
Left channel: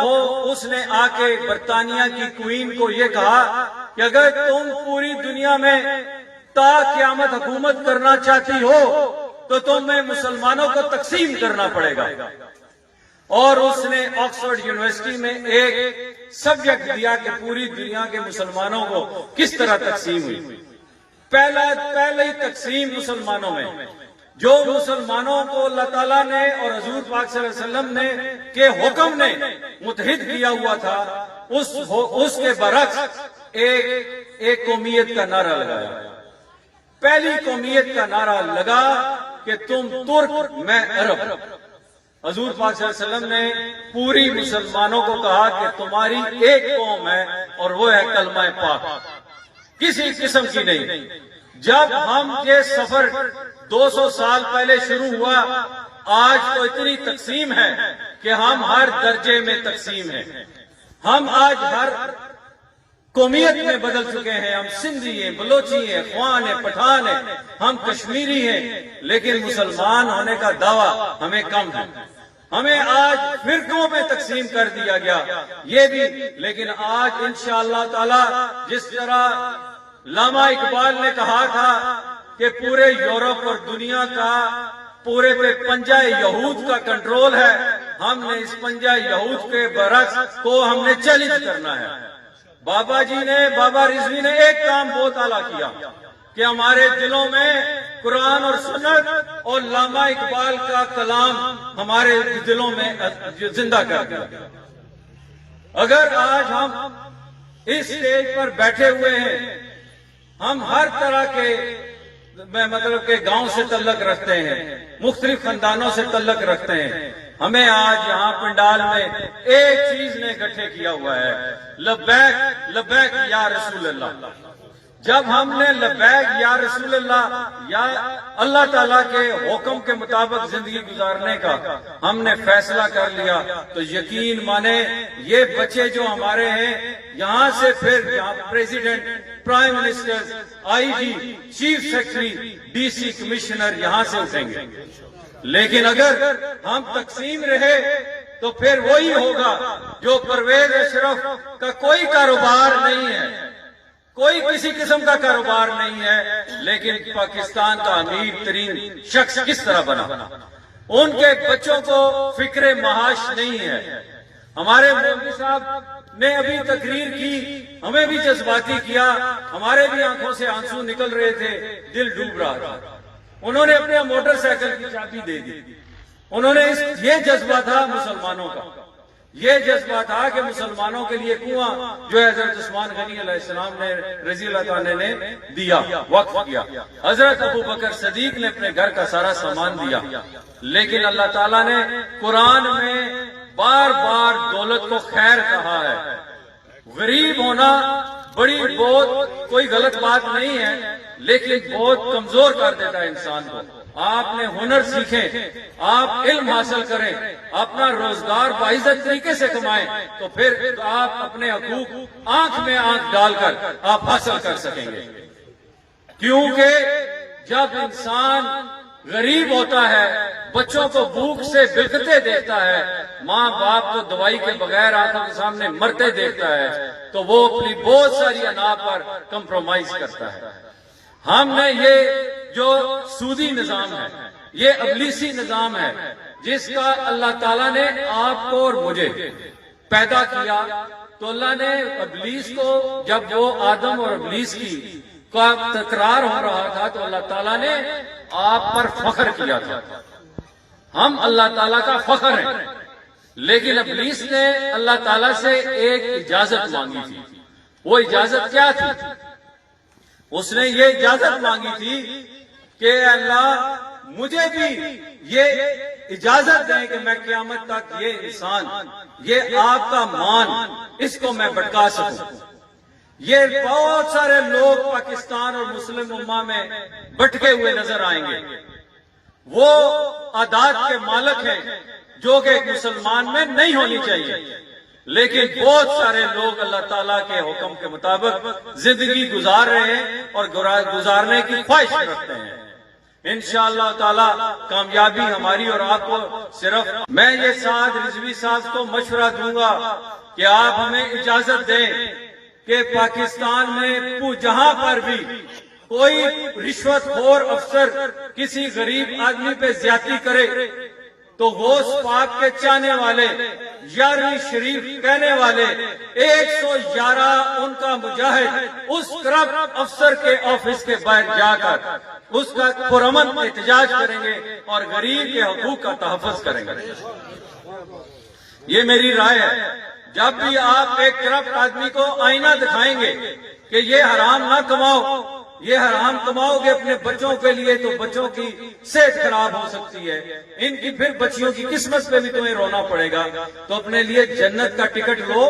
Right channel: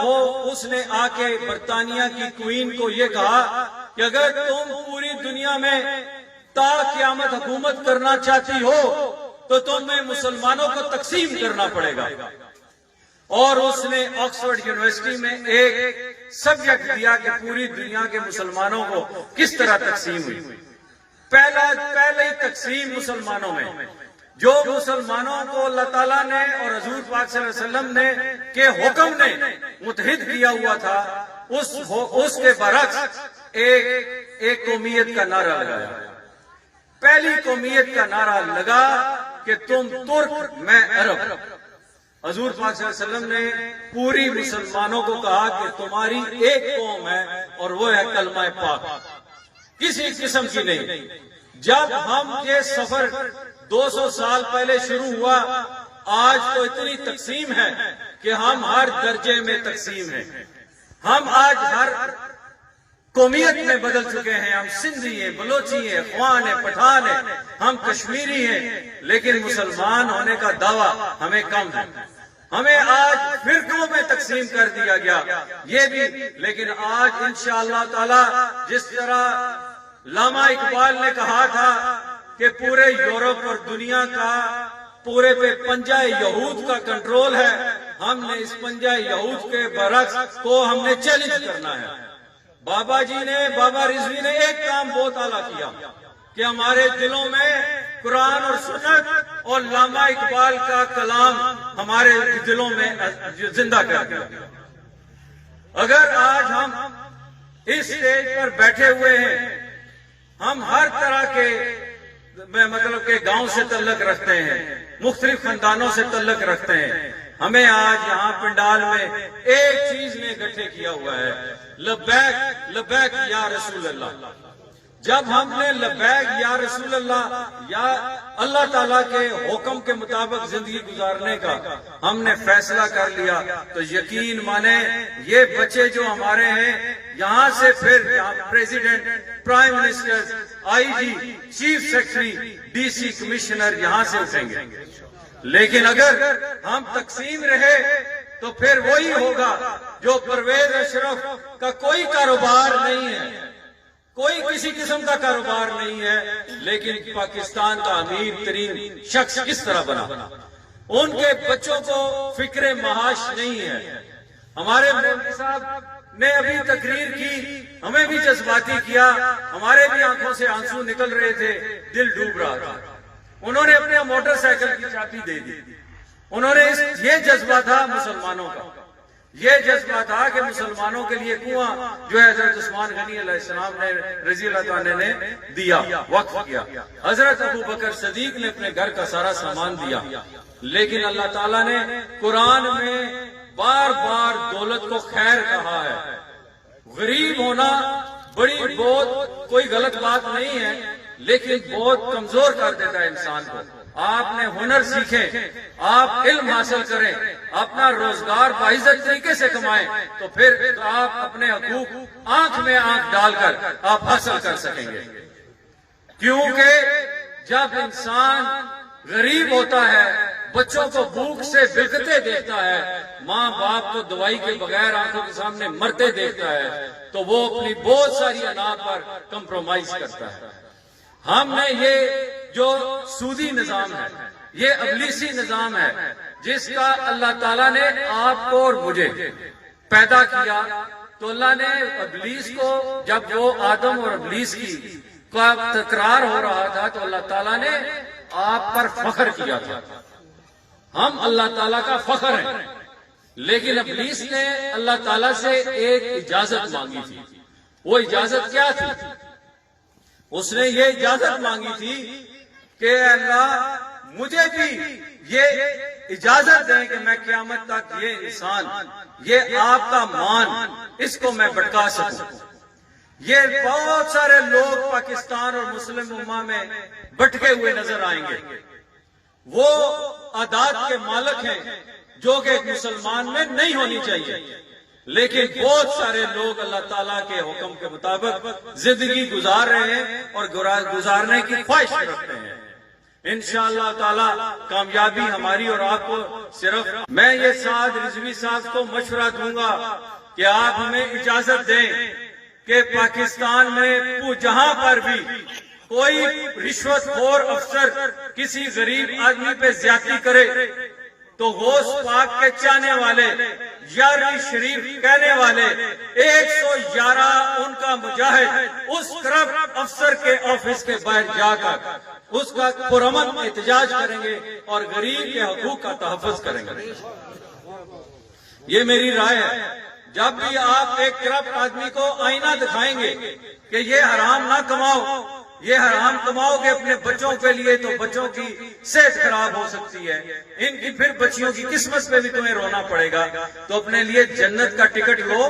اس نے آ کے برطانیہ کی کوئین کو یہ کہا کہ اگر تم پوری دنیا میں تا قیامت حکومت کرنا چاہتی ہو تو تمہیں مسلمانوں کو تقسیم کرنا پڑے گا, اور اس نے آکسفورڈ یونیورسٹی میں ایک سبجیکٹ دیا کہ پوری دنیا کے مسلمانوں کو کس طرح تقسیم ہوئی. پہلی تقسیم مسلمانوں میں جو مسلمانوں کو اللہ تعالیٰ نے اور حضور پاک صلی اللہ علیہ وسلم نے کے حکم نے متحد کیا ہوا تھا, اس کے برعکس ایک قومیت کا نعرہ لگایا. پہلی قومیت کا نعرہ لگا کہ تم ترک میں عرب. حضور پاک صلی اللہ علیہ وسلم نے پوری مسلمانوں کو کہا کہ تمہاری ایک قوم ہے اور وہ ہے کلمہ پاک, کسی قسم کی نہیں. جب ہم یہ سفر 200 سال پہلے شروع ہوا, آج تو اتنی تقسیم ہے کہ ہم ہر درجے میں تقسیم ہیں. ہم آج ہر قومیت میں بدل چکے ہیں. ہم سندھی ہیں, بلوچی ہیں, افغان ہیں, پٹھان ہیں, ہم کشمیری ہیں, لیکن مسلمان ہونے کا دعویٰ ہمیں کم ہے. ہمیں آج فرقوں میں تقسیم کر دیا گیا یہ بھی. لیکن آج انشاءاللہ تعالی جس طرح علامہ اقبال نے کہا تھا کہ پورے یورپ اور دنیا کا پورے پہ پنجہ یہود کا کنٹرول ہے, ہم نے اس پنجہ یہود کے برعکس کو ہم نے چیلنج کرنا ہے. بابا رضوی نے ایک کام بہت اعلیٰ کیا کہ ہمارے دلوں میں قرآن اور سنت اور علامہ اقبال کا کلام ہمارے دلوں میں زندہ کر دیا. اگر آج ہم اس اسٹیج پر بیٹھے ہوئے ہیں, ہم ہر طرح کے مطلب کہ گاؤں سے تعلق رکھتے ہیں, مختلف خاندانوں سے تعلق رکھتے ہیں. ہمیں آج یہاں پنڈال میں ایک چیز نے اکٹھے کیا ہوا ہے, لبیک لبیک یا رسول اللہ. جب ہم نے لبیک یا رسول اللہ یا اللہ تعالیٰ کے حکم کے مطابق زندگی گزارنے کا ہم نے فیصلہ کر لیا, تو یقین مانے یہ بچے جو ہمارے ہیں یہاں سے پھر president, prime minister, I G, chief secretary, D C, commissioner یہاں سے اٹھیں گے. لیکن اگر ہم تقسیم رہے تو پھر وہی ہوگا جو پرویز اشرف کا کوئی کاروبار نہیں ہے, کوئی کسی قسم کا کاروبار نہیں ہے, لیکن پاکستان کا امیر ترین شخص کس طرح بنا. ان کے بچوں کو فکر معاش نہیں ہے. ہمارے مولوی صاحب نے ابھی تقریر کی, ہمیں بھی جذباتی کیا, ہمارے بھی آنکھوں سے آنسو نکل رہے تھے, دل ڈوب رہا تھا. انہوں نے اپنے موٹر سائیکل کی چابی دے دی. انہوں نے یہ جذبہ تھا مسلمانوں کا, یہ جذبہ تھا کہ مسلمانوں کے لیے کنواں جو ہے حضرت عثمان غنی علیہ السلام نے رضی اللہ تعالیٰ نے دیا, وقف کیا. حضرت ابو بکر صدیق نے اپنے گھر کا سارا سامان دیا. لیکن اللہ تعالیٰ نے قرآن میں بار بار دولت کو خیر کہا ہے. غریب ہونا بڑی بہت کوئی غلط بات نہیں ہے, لیکن بہت کمزور کر دیتا ہے انسان کو. آپ نے ہنر سیکھیں, آپ علم حاصل کریں, اپنا روزگار باعزت طریقے سے کمائیں, تو پھر آپ اپنے حقوق آنکھ میں آنکھ ڈال کر آپ حاصل کر سکیں گے. کیونکہ جب انسان غریب ہوتا ہے, بچوں کو بھوک سے بلکتے دیکھتا ہے, ماں باپ کو دوائی کے بغیر آنکھوں کے سامنے مرتے دیکھتا ہے, تو وہ اپنی بہت ساری انا پر کمپرومائز کرتا ہے. ہم نے یہ جو سودی نظام ہے, یہ ابلیسی نظام ہے جس کا اللہ تعالیٰ نے آپ کو اور مجھے پیدا کیا. تو اللہ نے ابلیس کو، جب وہ آدم اور ابلیس کی کا تکرار ہو رہا تھا تو اللہ تعالیٰ نے آپ پر فخر کیا تھا. ہم اللہ تعالیٰ کا فخر ہیں، لیکن ابلیس نے اللہ تعالیٰ سے ایک اجازت مانگی تھی. وہ اجازت کیا تھی؟ اس نے یہ اجازت مانگی تھی کہ اللہ مجھے بھی یہ اجازت دیں کہ میں قیامت تک یہ انسان، یہ آپ کا مان، اس کو میں بھٹکا سکوں. یہ بہت سارے لوگ پاکستان اور مسلم امہ میں بھٹکے ہوئے نظر آئیں گے. وہ عادات کے مالک ہیں جو کہ ایک مسلمان میں نہیں ہونی چاہیے، لیکن بہت سارے لوگ اللہ تعالیٰ کے حکم کے مطابق زندگی گزار رہے ہیں اور گزارنے کی خواہش رکھتے ہیں. انشاءاللہ تعالیٰ کامیابی ہماری اور آپ کو. صرف میں یہ سعد رضوی صاحب کو مشورہ دوں گا کہ آپ ہمیں اجازت دیں کہ پاکستان میں جہاں پر بھی کوئی رشوت خور افسر کسی غریب آدمی پہ زیادتی کرے تو غوث پاک کے چاہنے والے، 11ویں شریف کہنے والے 111 ان کا مجاہد اس کرپٹ افسر کے آفس کے باہر جا کر اس کا پرامن احتجاج کریں گے اور غریب کے حقوق کا تحفظ کریں گے. یہ میری رائے ہے. جب بھی آپ ایک کرپٹ آدمی کو آئینہ دکھائیں گے کہ یہ حرام نہ کماؤ، یہ حرام کماؤ گے اپنے بچوں کے لیے تو بچوں کی صحت خراب ہو سکتی ہے، ان کی پھر بچیوں کی قسمت پہ بھی تمہیں رونا پڑے گا. تو اپنے لیے جنت کا ٹکٹ وہ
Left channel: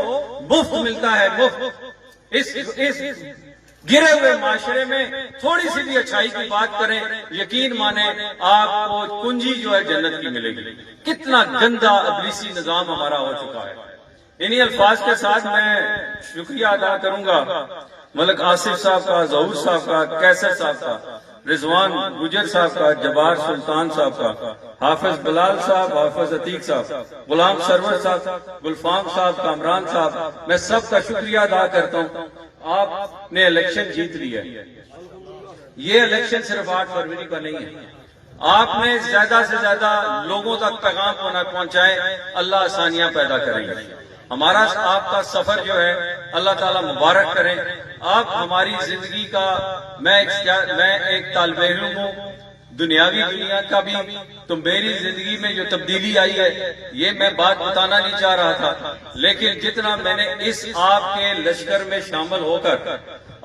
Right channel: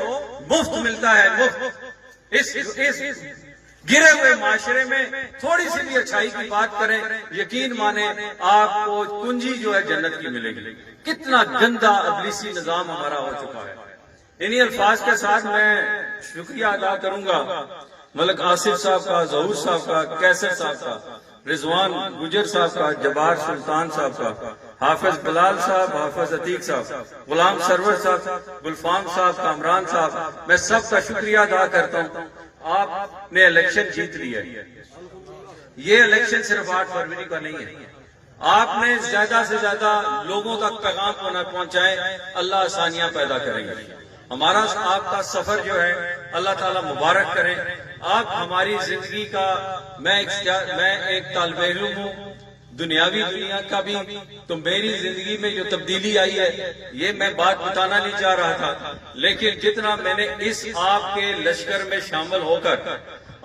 مفت ملتا ہے، مفت. اس گرے ہوئے معاشرے میں تھوڑی سی بھی اچھائی کی بات کریں، یقین مانیں آپ کو کنجی جو ہے جنت کی ملے گی. کتنا گندا ابلیسی نظام ہمارا ہو چکا ہے. انہی الفاظ کے ساتھ میں شکریہ ادا کروں گا ملک آصف صاحب کا، ظہور صاحب کا، کیسر صاحب کا، رضوان گجر صاحب کا، جبار سلطان صاحب کا، حافظ بلال صاحب، حافظ عتیق صاحب، غلام سرور صاحب، گلفام صاحب، کامران صاحب، میں سب کا شکریہ ادا کرتا ہوں. آپ نے الیکشن جیت لیا. یہ الیکشن صرف 8 فروری کا نہیں ہے. آپ نے زیادہ سے زیادہ لوگوں تک پیغام پہنچائے. اللہ آسانیاں پیدا کریں گے. ہمارا آپ کا سفر جو ہے اللہ تعالیٰ مبارک کرے. آپ ہماری زندگی کا، میں ایک طالب علم ہوں دنیاوی دنیا کا بھی، تو میری زندگی میں جو تبدیلی آئی ہے یہ میں بات بتانا نہیں چاہ رہا تھا، لیکن جتنا میں نے اس آپ کے لشکر میں شامل ہو کر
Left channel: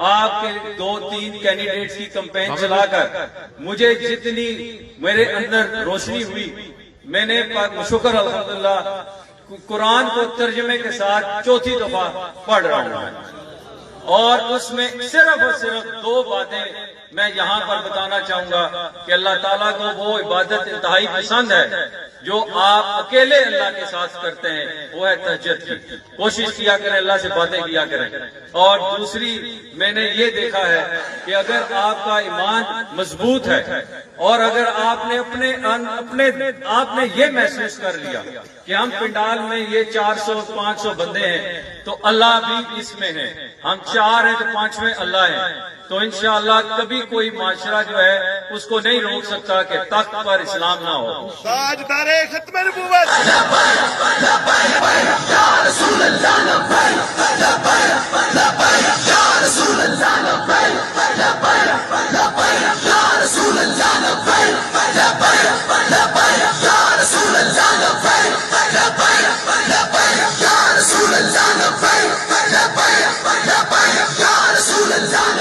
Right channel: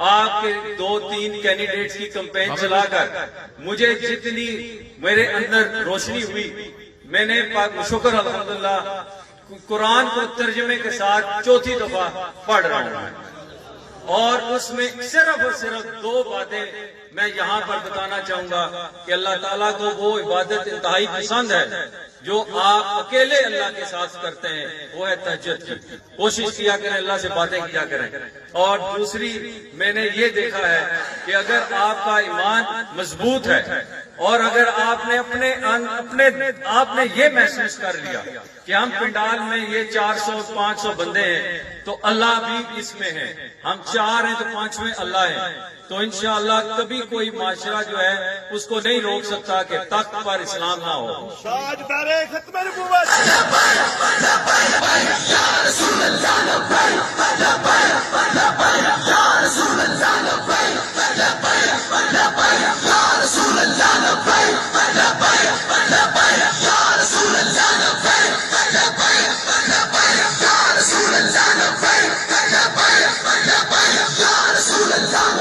آپ کے 2-3 کینڈیڈیٹس کی کمپین چلا کر مجھے جتنی میرے اندر روشنی ہوئی، میں نے شکر الحمدللہ قرآن کو ترجمے کے ساتھ 4تھی دفعہ پڑھ رہا ہوں، اور اس میں صرف اور صرف 2 باتیں میں یہاں پر بتانا چاہوں گا کہ اللہ تعالیٰ کو وہ عبادت انتہائی پسند ہے جو آپ اکیلے اللہ کے ساتھ کرتے ہیں، وہ ہے تہجد کی. کوشش کیا کریں، اللہ سے باتیں کیا کریں. اور دوسری میں نے یہ دیکھا ہے کہ اگر آپ کا ایمان مضبوط ہے اور اگر آپ نے یہ محسوس کر لیا کہ ہم پنڈال میں یہ 400-500 بندے ہیں تو اللہ بھی اس میں ہے، ہم 4 ہیں تو 5ویں اللہ ہے، تو انشاءاللہ کبھی کوئی معاشرہ جو ہے اس کو نہیں روک سکتا کہ تخت پر اسلام نہ ہو. تاجدار ختم نبوت Rasul Allah